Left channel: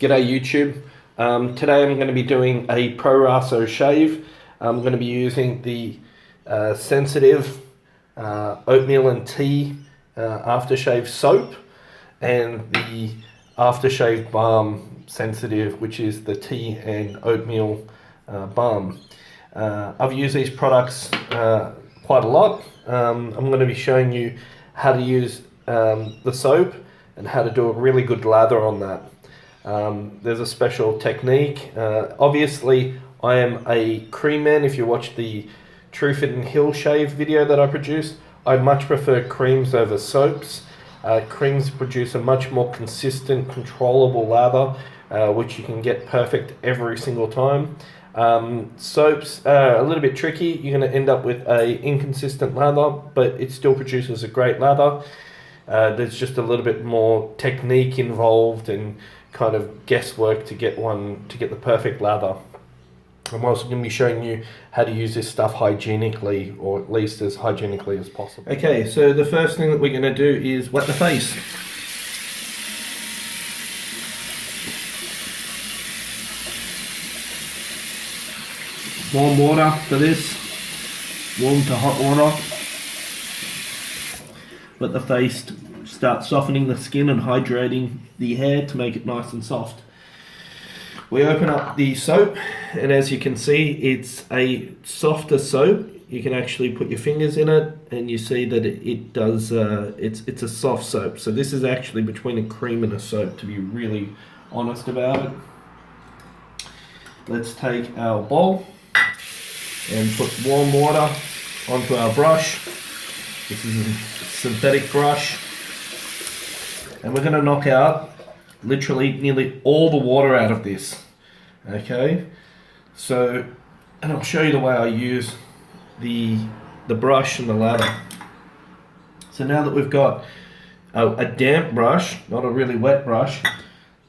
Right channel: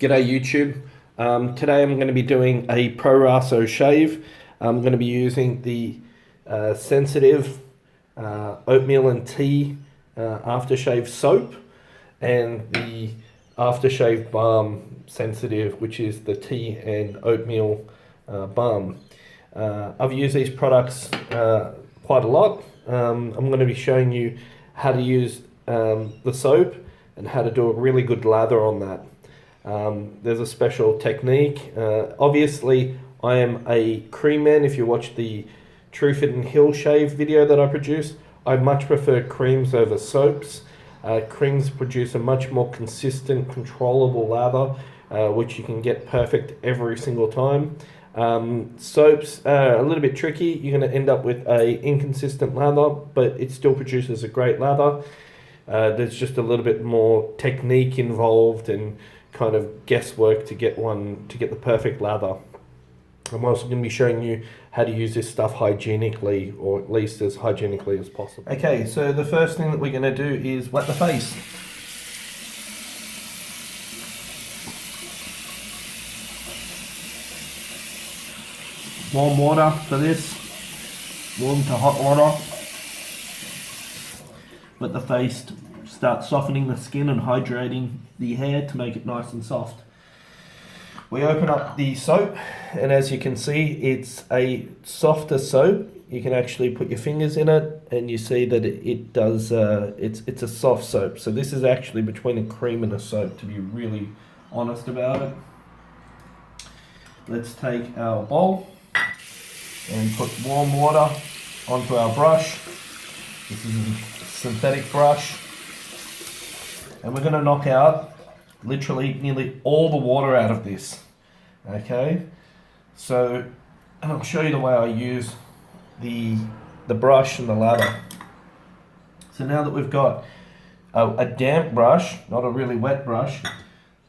G'day YouTube. Today I'm going to be doing a Prorasso shave. I'm going to be using the sensitive oatmeal and tea aftershave soap and the aftershave balm sensitive, which is the tea and oatmeal balm. I've used these products quite a lot. I'm going to be showing you how to use the soap and how to do a really good lather on that. There's a special technique. Obviously, I am a cream man. If you watch the Truefit and Hill shave video that I produce, I much prefer creams over soaps. Creams produce a much more consistent, controllable lather, which you can get perfect every single time. Soaps are a little bit tricky. You're going to end up with a inconsistent lather, but it still produces a great lather. There's just a little bit more technique involved and kind of guesswork to get the perfect lather. I'm also going to be showing you how to use this stuff hygienically, or at least as hygienically as possible. Okay, so the first thing that we're going to do is wet the face. Warm water for this, warm to hot water. Let the face start softening the skin and hydrating the hair to make it nice and soft. We open up the soap, and as you can see, it's a softer soap. You can actually put your fingers in it and you see that it's a soft soap. So this is actually between a cream and a soap, to be really honest about it. Let's take our bowl and put warm water onto our brush. This is a synthetic brush. And we're going to knock out literally nearly all the water out of this. Okay, so, and I'll show you the way I use the brush and the lather. So now that we've got a damp brush, not a really wet brush,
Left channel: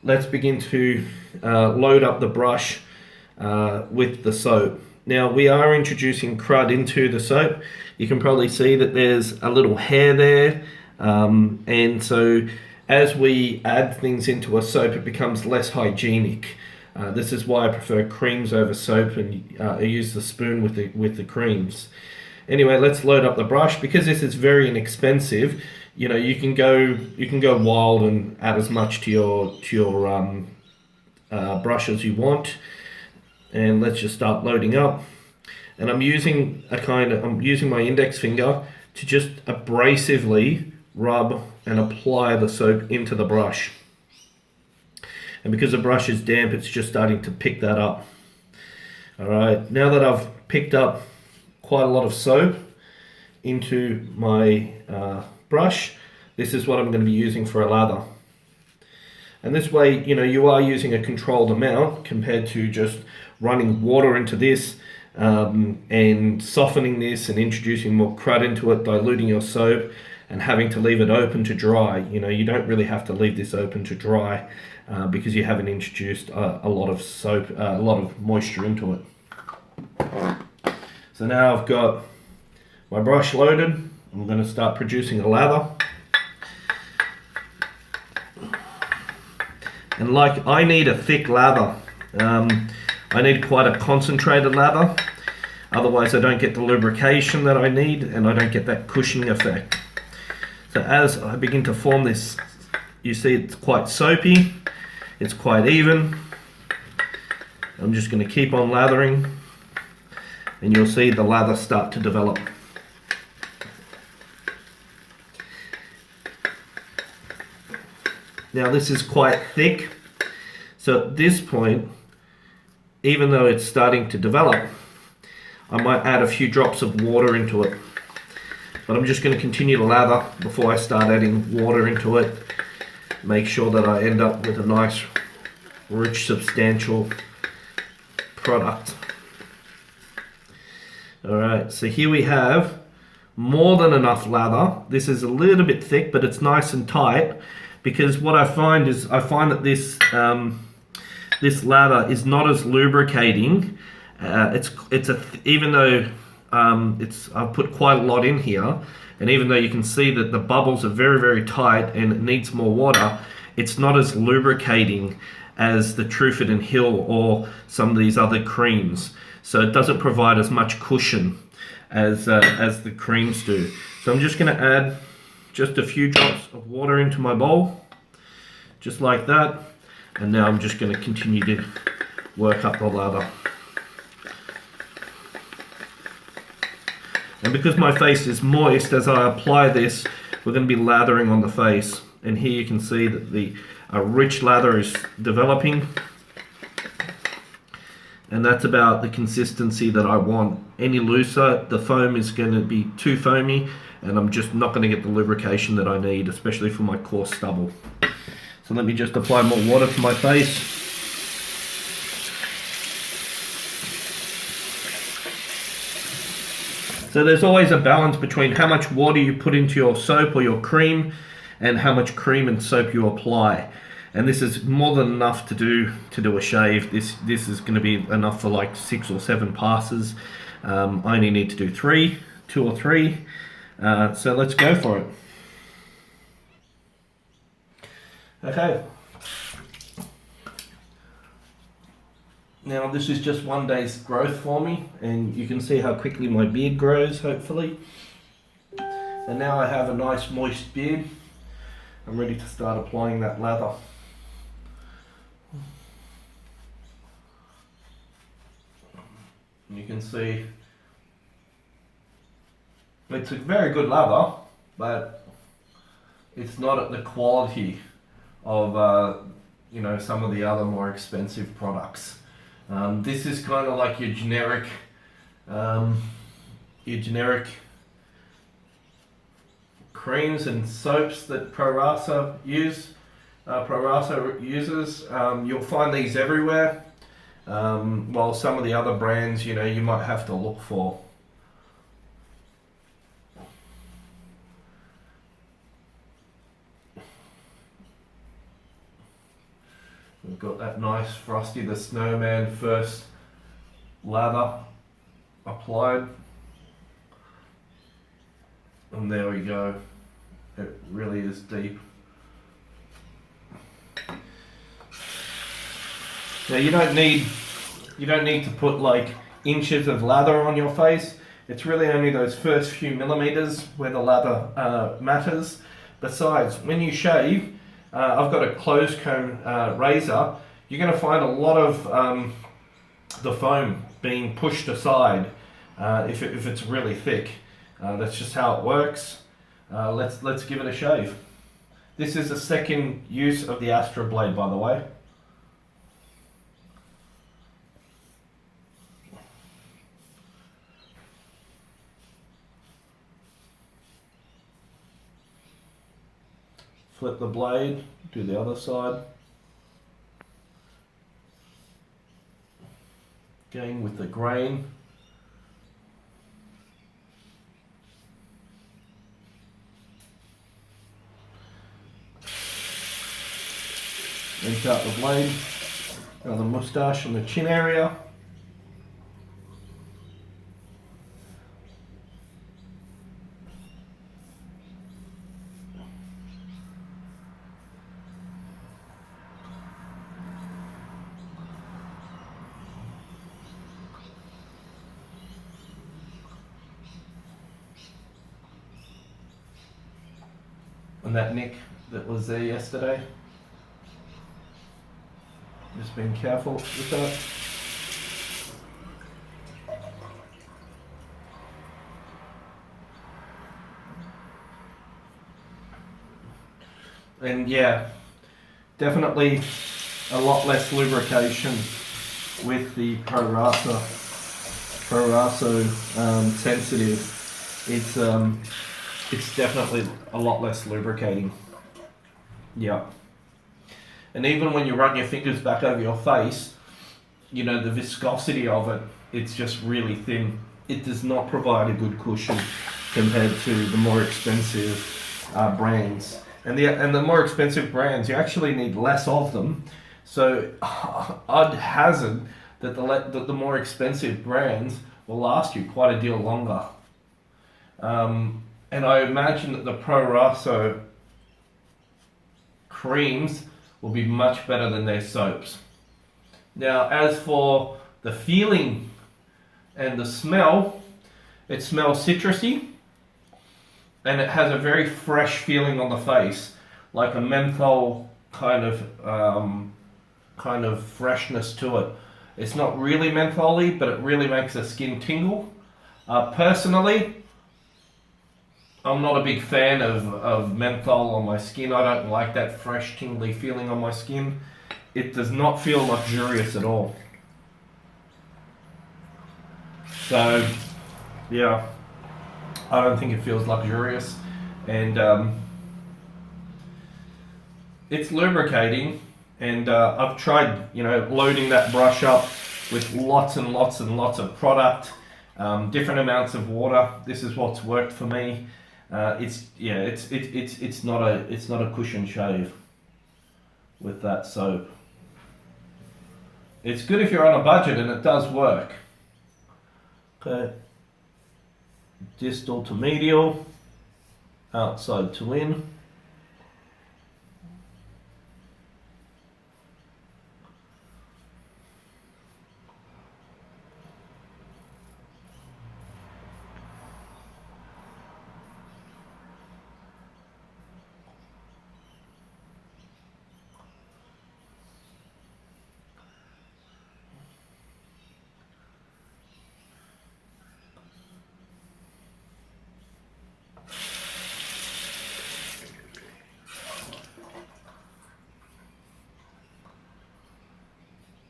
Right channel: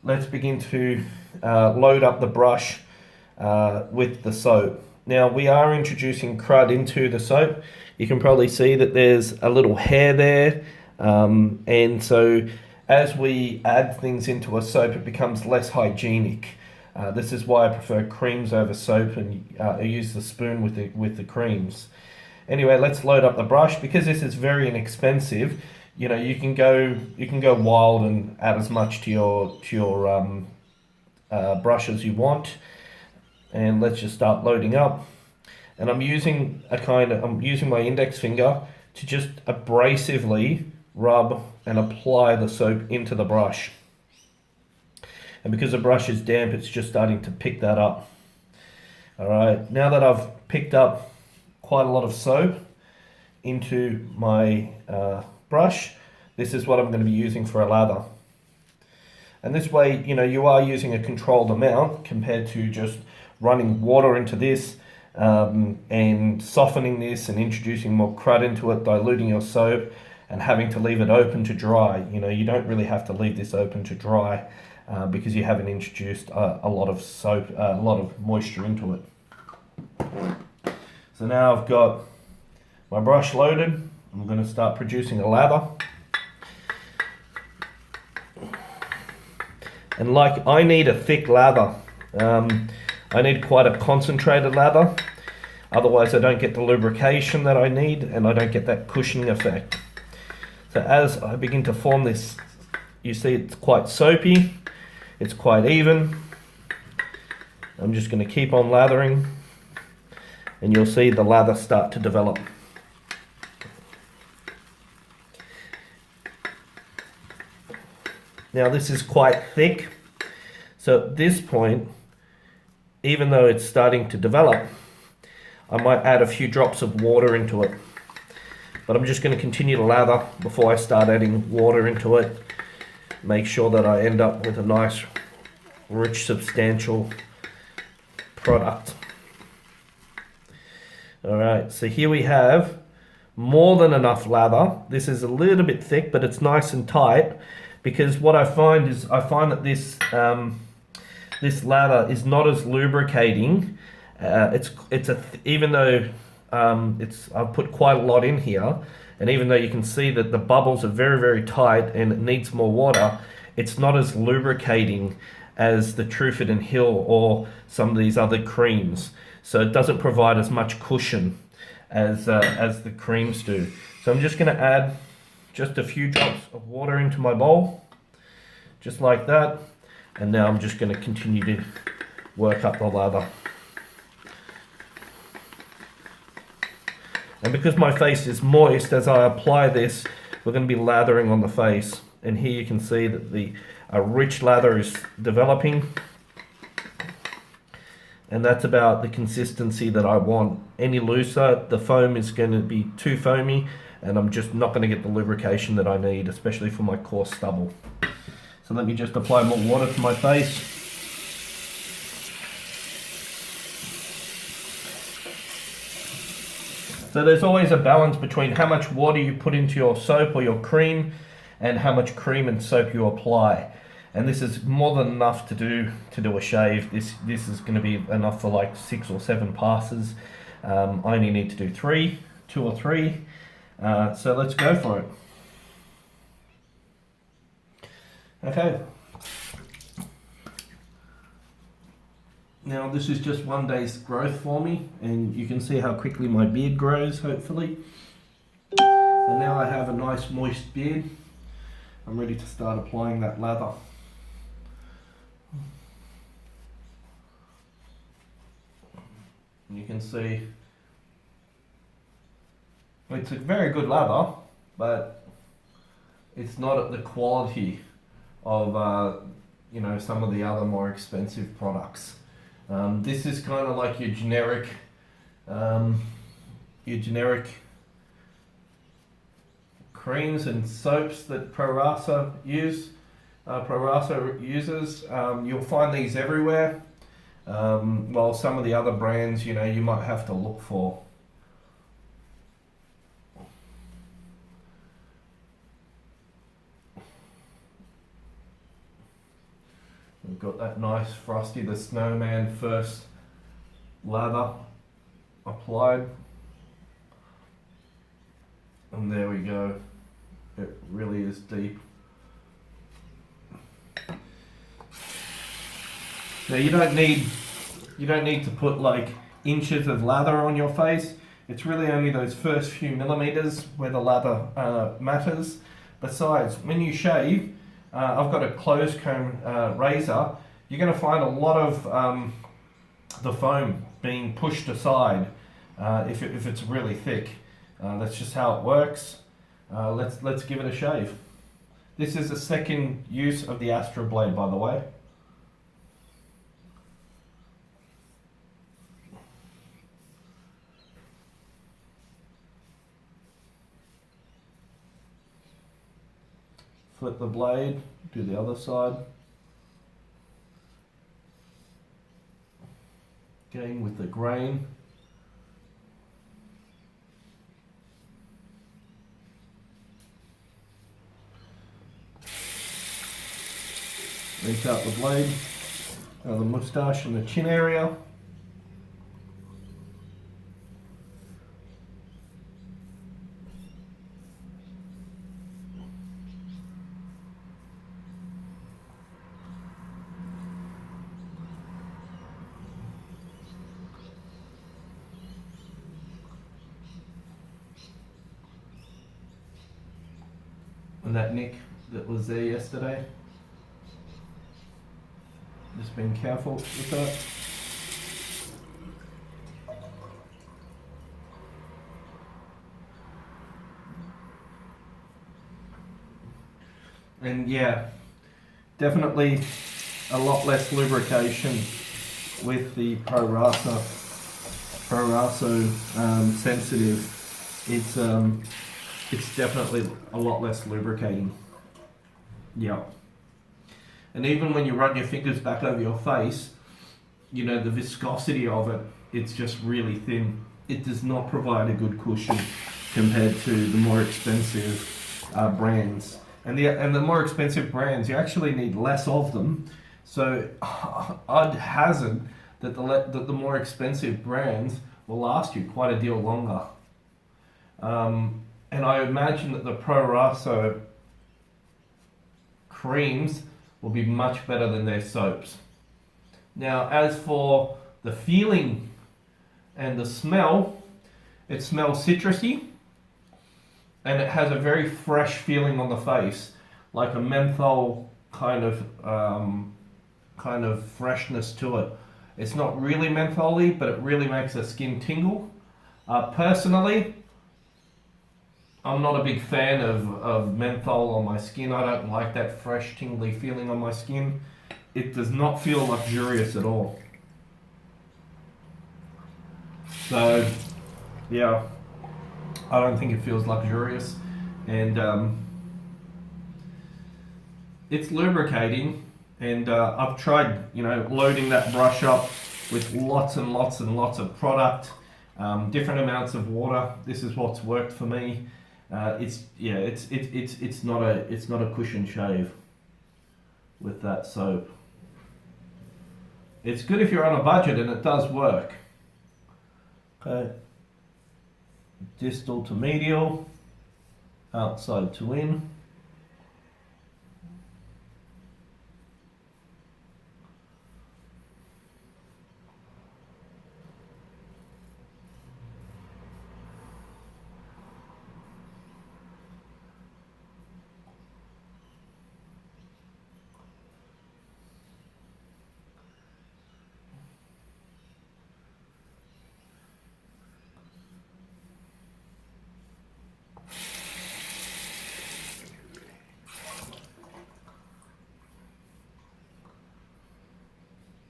let's begin to load up the brush with the soap. Now we are introducing crud into the soap. You can probably see that there's a little hair there, and so as we add things into a soap, it becomes less hygienic. This is why I prefer creams over soap, and I use the spoon with the creams. Anyway, let's load up the brush. Because this is very inexpensive, you know, you can go wild and add as much to your brush as you want. And let's just start loading up. And I'm using my index finger to just abrasively rub and apply the soap into the brush. And because the brush is damp, it's just starting to pick that up. All right, now that I've picked up quite a lot of soap into my brush, this is what I'm going to be using for a lather. And this way, you know, you are using a controlled amount compared to just running water into this and softening this and introducing more crud into it, diluting your soap and having to leave it open to dry. You know, you don't really have to leave this open to dry because you haven't introduced a lot of soap, a lot of moisture into it. So now I've got my brush loaded. I'm going to start producing a lather. And like, I need a thick lather. I need quite a concentrated lather. Otherwise I don't get the lubrication that I need and I don't get that cushioning effect. So as I begin to form this, you see it's quite soapy, it's quite even. I'm just going to keep on lathering and you'll see the lather start to develop. Now this is quite thick, so at this point, even though it's starting to develop, I might add a few drops of water into it. But I'm just going to continue to lather before I start adding water into it. Make sure that I end up with a nice, rich, substantial product. Alright, so here we have more than enough lather. This is a little bit thick, but it's nice and tight, because what I find that this this lather is not as lubricating. Even though I've put quite a lot in here, and even though you can see that the bubbles are very, very tight and it needs more water, it's not as lubricating as the Trufford and Hill or some of these other creams. So it doesn't provide as much cushion as the creams do. So I'm just going to add just a few drops of water into my bowl, just like that. And now I'm just going to continue to work up the lather. And because my face is moist, as I apply this, we're going to be lathering on the face. And here you can see that a rich lather is developing. And that's about the consistency that I want. Any looser, the foam is going to be too foamy, and I'm just not going to get the lubrication that I need, especially for my coarse stubble. So let me just apply more water to my face. So there's always a balance between how much water you put into your soap or your cream and how much cream and soap you apply. And this is more than enough to do a shave. This is going to be enough for like 6 or 7 passes. I only need to do 2 or 3. So let's go for it. Okay. Now this is just one day's growth for me, and you can see how quickly my beard grows, hopefully. And now I have a nice moist beard. I'm ready to start applying that lather. You can see it's a very good lather, but it's not at the quality of you know, some of the other more expensive products. This is kind of like your generic creams and soaps that Prorasso uses. You'll find these everywhere. While some of the other brands, you know, you might have to look for. We've got that nice Frosty the Snowman first lather applied. And there we go. It really is deep. Now you don't need to put like inches of lather on your face. It's really only those first few millimeters where the lather matters. Besides, when you shave, I've got a closed comb razor. You're going to find a lot of the foam being pushed aside if it's really thick. That's just how it works. Let's give it a shave. This is the second use of the Astra blade, by the way. Flip the blade, do the other side. Again with the grain. Rinse out the blade, the moustache and the chin area. And that nick that was there yesterday. Just being careful with that. And yeah, definitely a lot less lubrication with the Prorasso sensitive. It's definitely a lot less lubricating. Yeah. And even when you run your fingers back over your face, you know, the viscosity of it, it's just really thin. It does not provide a good cushion compared to the more expensive brands. And the more expensive brands, you actually need less of them. So I'd hazard that the more expensive brands will last you quite a deal longer. And I imagine that the Prorasso creams will be much better than their soaps. Now, as for the feeling and the smell, it smells citrusy and it has a very fresh feeling on the face, like a menthol kind of freshness to it. It's not really mentholy, but it really makes the skin tingle. Personally, I'm not a big fan of menthol on my skin. I don't like that fresh, tingly feeling on my skin. It does not feel luxurious at all. So, yeah, I don't think it feels luxurious. And it's lubricating. And I've tried, loading that brush up with lots and lots and lots of product, different amounts of water. This is what's worked for me. It's not a cushion shave with that soap. It's good if you're on a budget, and it does work. Okay, distal to medial, outside to in.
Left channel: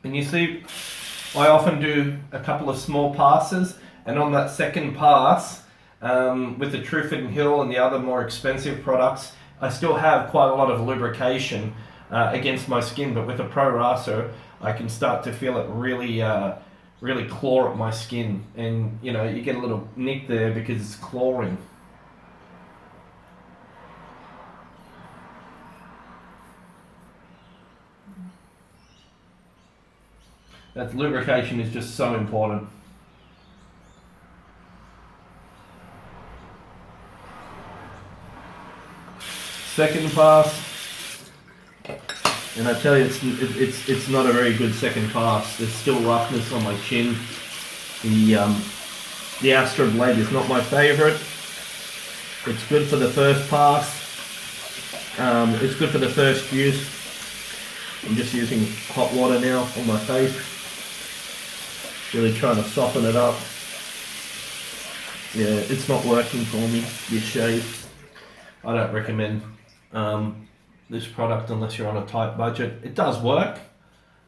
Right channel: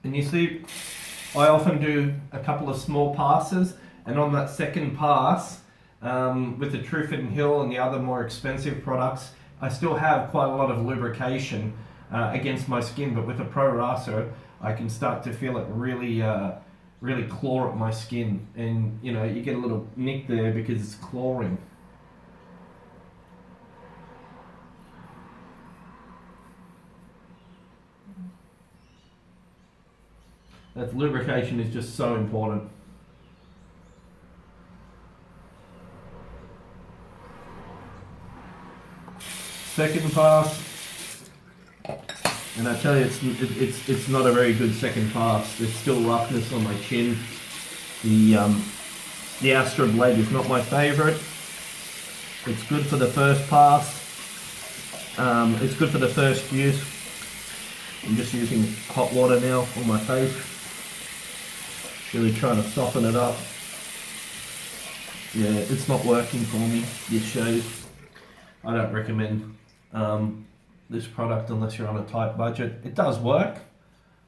And you see, I often do a couple of small passes, and on that second pass, with the Truth and Hill and the other more expensive products, I still have quite a lot of lubrication against my skin, but with the Prorasso, I can start to feel it really claw at my skin, and you get a little nick there because it's clawing. That lubrication is just so important. Second pass, and I tell you, it's not a very good second pass. There's still roughness on my chin. The Astra blade is not my favourite. It's good for the first pass. It's good for the first use. I'm just using hot water now on my face. Really trying to soften it up. Yeah, it's not working for me, this shave. I don't recommend this product unless you're on a tight budget. It does work.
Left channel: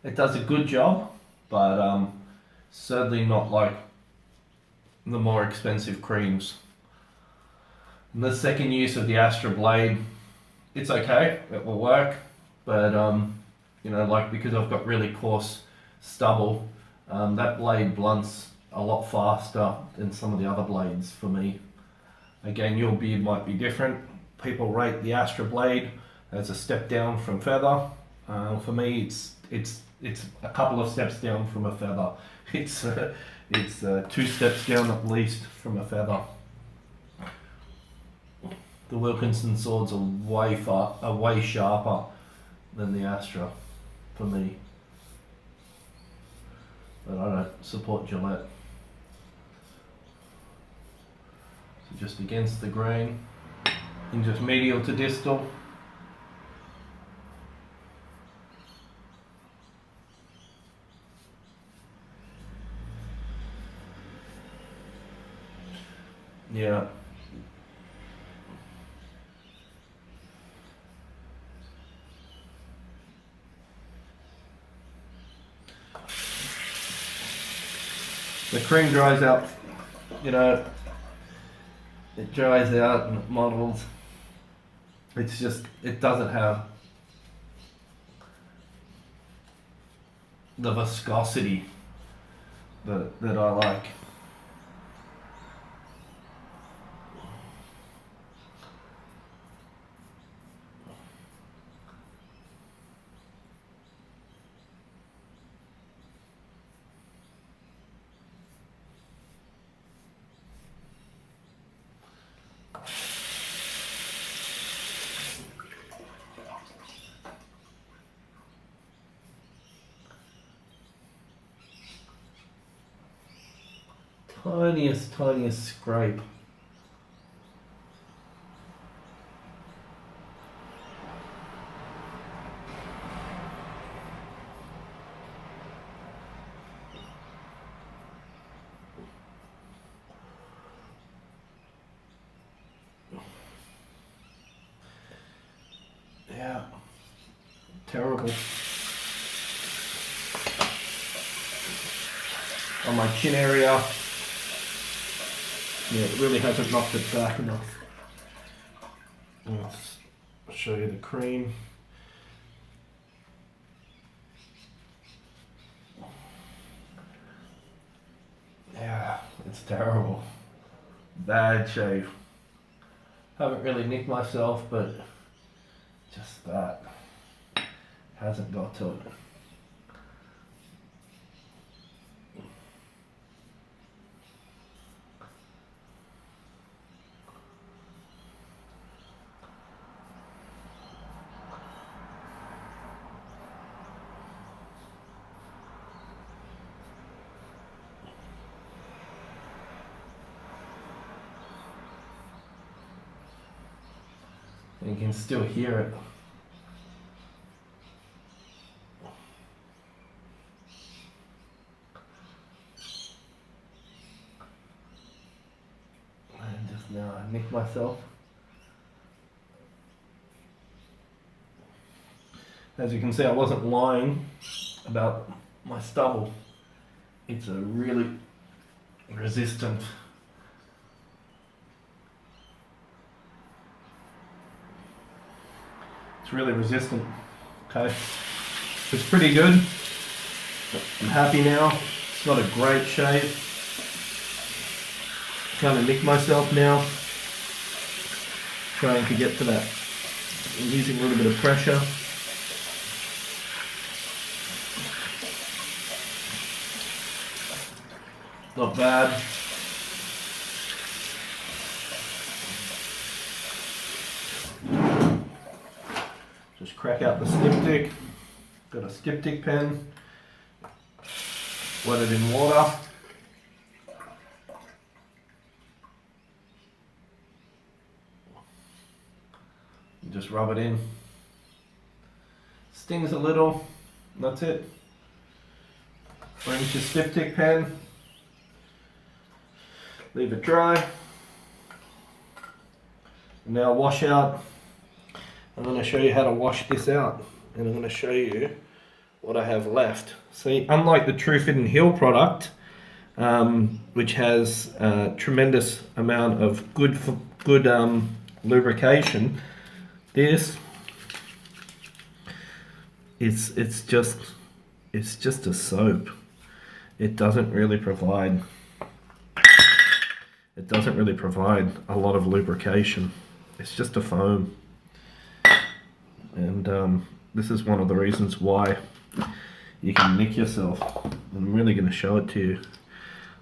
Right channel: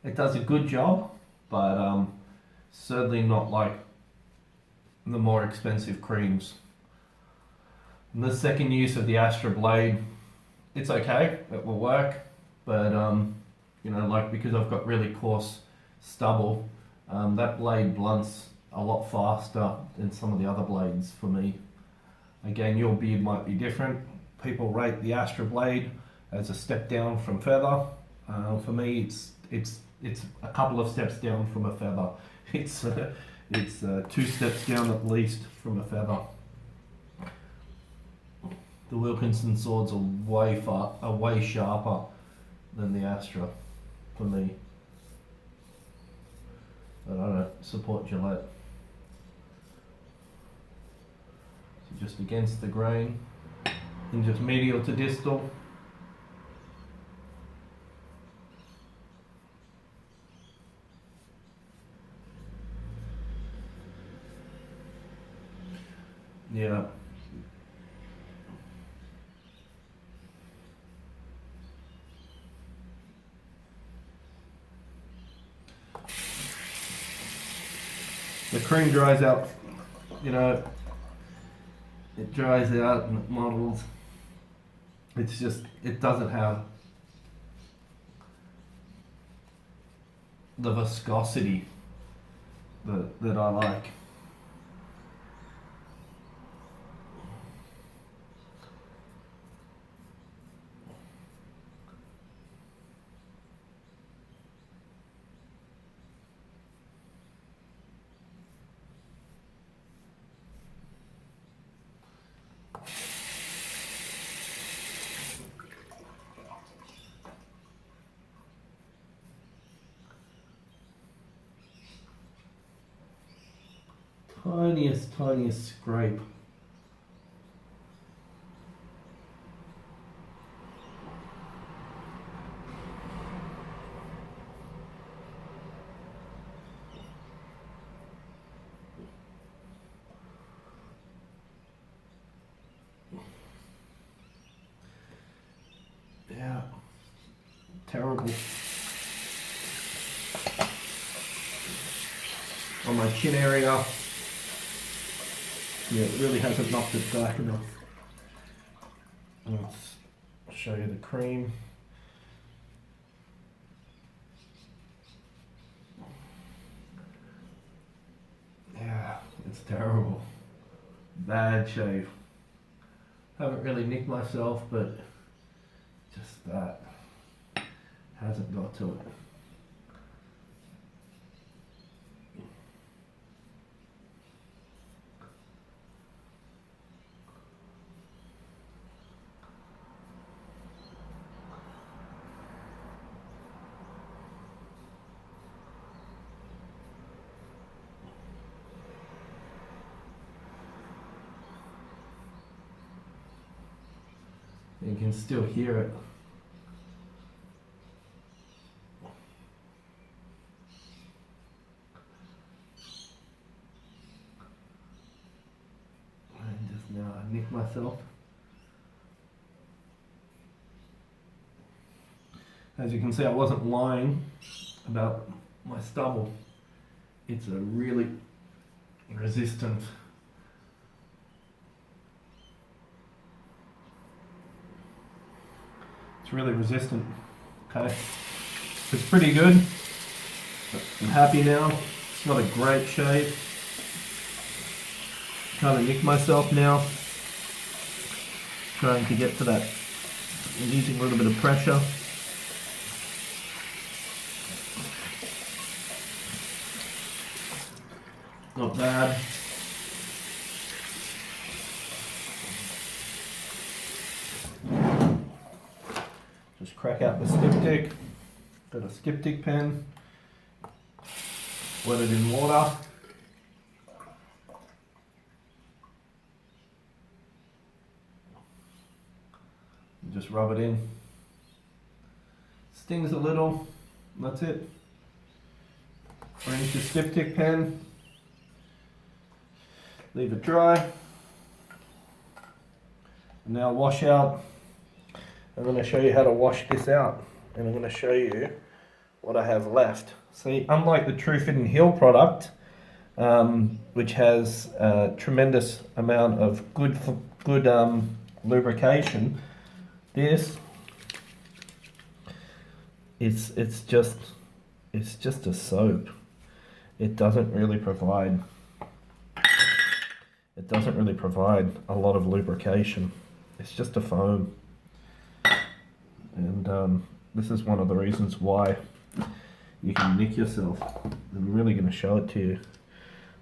It does a good job, but certainly not like the more expensive creams. And the second use of the Astra blade, it's okay, it will work, but because I've got really coarse stubble, that blade blunts a lot faster than some of the other blades for me. Again, your beard might be different. People rate the Astra blade as a step down from feather. For me, it's a couple of steps down from a feather. It's 2 steps down at least from a feather. The Wilkinson swords are way sharper than the Astra for me. But I don't support Gillette. So just against the grain, and just medial to distal. Yeah. The cream dries out, it dries out and it models. It's just, it doesn't have the viscosity that I like. tiniest scrape. Yeah, terrible. On my chin area, yeah, it really hasn't knocked it back enough. Let's show you the cream. Yeah, it's terrible. Bad shave. Haven't really nicked myself, but just that hasn't got to it. You can still hear it. And just now I nicked myself. As you can see, I wasn't lying about my stubble. It's a really resistant. It's really resistant. Okay, it's pretty good. I'm happy now. It's got a great shave. Trying to nick myself now. Trying to get to that. I'm using a little bit of pressure. Not bad. Just crack out the styptic. Got a styptic pen. Wet it in water. And just rub it in. Stings a little. That's it. Rinse your styptic pen. Leave it dry. Now wash out. I'm going to show you how to wash this out, and I'm going to show you what I have left. See, unlike the True Fit and Heal product, which has a tremendous amount of good lubrication, this it's just a soap. It doesn't really provide a lot of lubrication. It's just a foam. And this is one of the reasons why you can nick yourself. I'm really going to show it to you.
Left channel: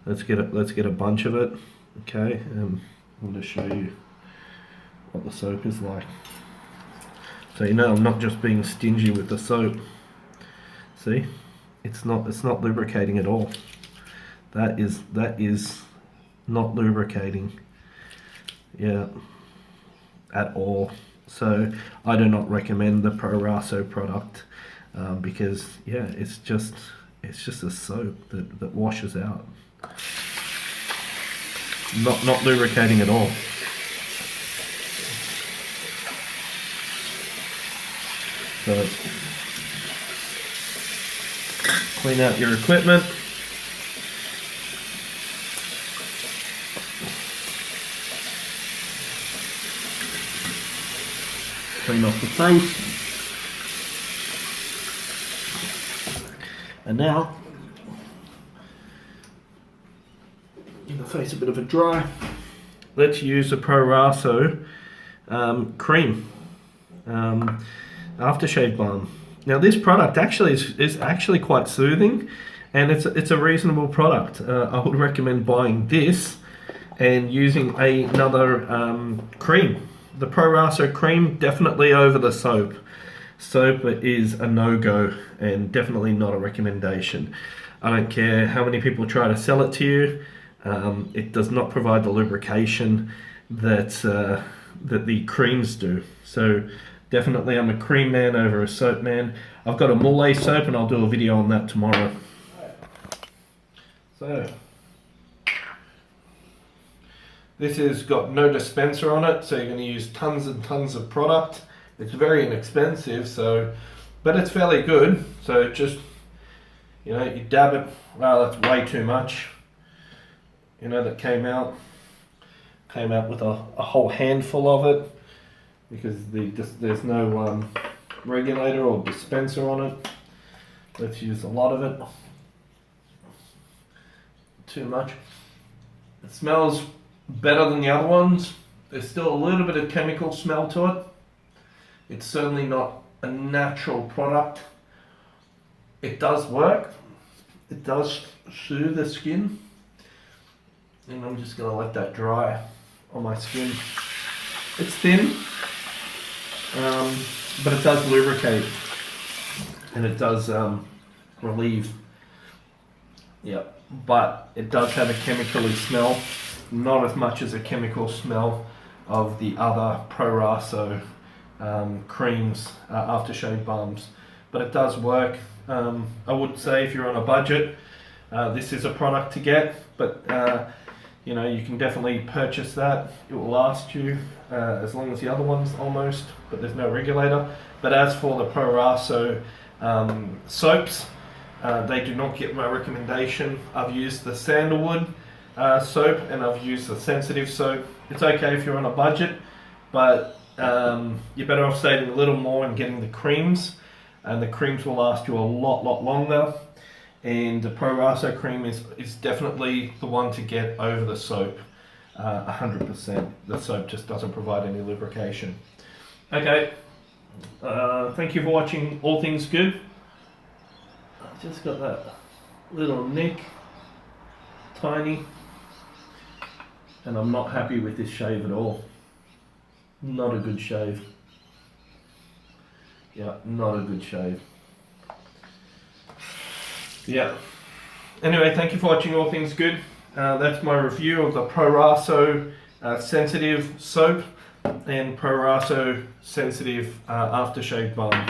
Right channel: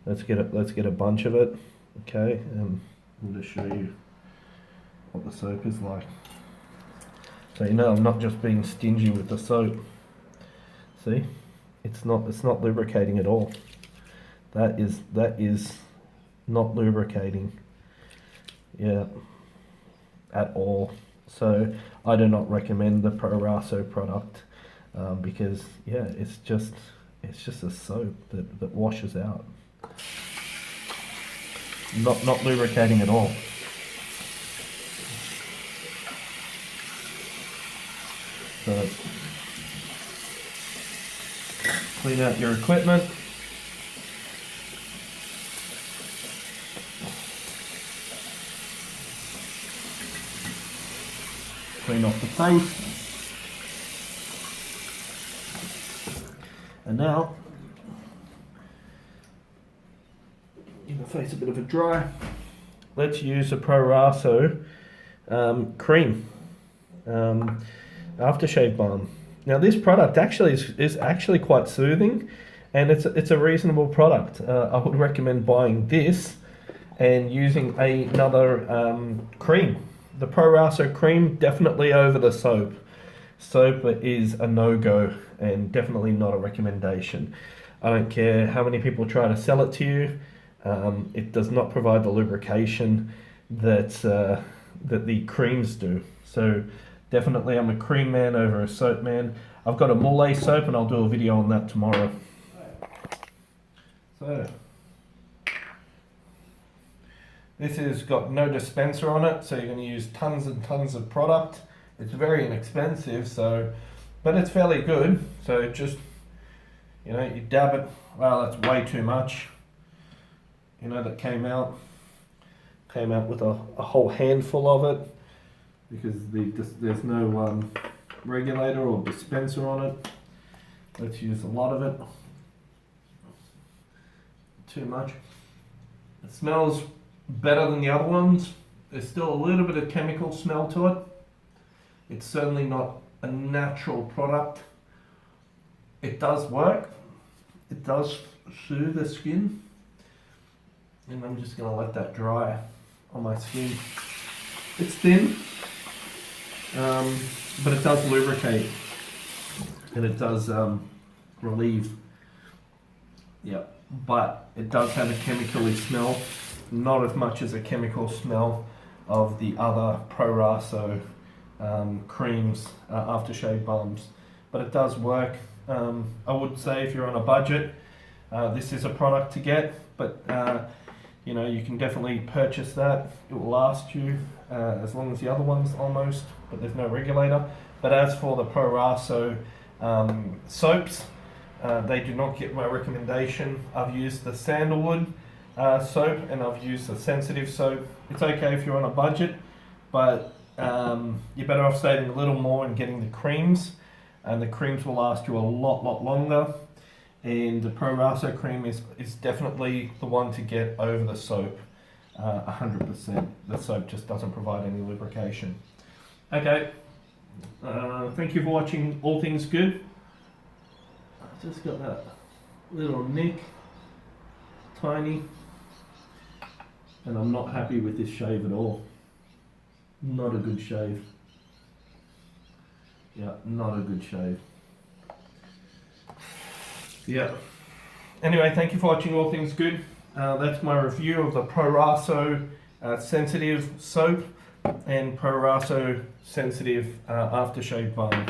Let's get a bunch of it, okay? And I'm going to show you what the soap is like. So you know I'm not just being stingy with the soap. See, it's not lubricating at all. That is not lubricating, yeah, at all. So I do not recommend the Prorasso product because yeah, it's just a soap that washes out. Not lubricating at all. So clean out your equipment. Clean off the face. And now, give the face a bit of a dry. Let's use the Prorasso cream, aftershave balm. Now this product actually is actually quite soothing, and it's a reasonable product. I would recommend buying this and using another cream. The Prorasso cream, definitely over the soap. Soap is a no-go and definitely not a recommendation. I don't care how many people try to sell it to you. It does not provide the lubrication that that the creams do. So definitely I'm a cream man over a soap man. I've got a muhle soap and I'll do a video on that tomorrow. So this has got no dispenser on it, so you're going to use tons and tons of product. It's very inexpensive, so, but it's fairly good. So just, you know, you dab it. Wow, that's way too much. You know, that came out with a whole handful of it, because there's no regulator or dispenser on it. Let's use a lot of it. Too much. It smells better than the other ones. There's still a little bit of chemical smell to it. It's certainly not a natural product. It does work. It does soothe the skin. And I'm just going to let that dry on my skin. It's thin, but it does lubricate, and it does relieve. Yep, but it does have a chemically smell, not as much as a chemical smell of the other Prorasso creams, aftershave balms. But it does work. I would say if you're on a budget, this is a product to get, but you know, you can definitely purchase that. It will last you as long as the other ones almost, but there's no regulator. But as for the Prorasso soaps, they do not get my recommendation. I've used the sandalwood soap and I've used the sensitive soap. It's okay if you're on a budget, but you're better off saving a little more and getting the creams, and the creams will last you a lot longer. And the Prorasso cream is definitely the one to get over the soap, 100%. The soap just doesn't provide any lubrication. Okay, thank you for watching All Things Good. I've just got that little nick, tiny, and I'm not happy with this shave at all. Not a good shave. Yeah, not a good shave. Yeah. Anyway, thank you for watching All Things Good. That's my review of the Prorasso sensitive soap and Prorasso sensitive aftershave balm.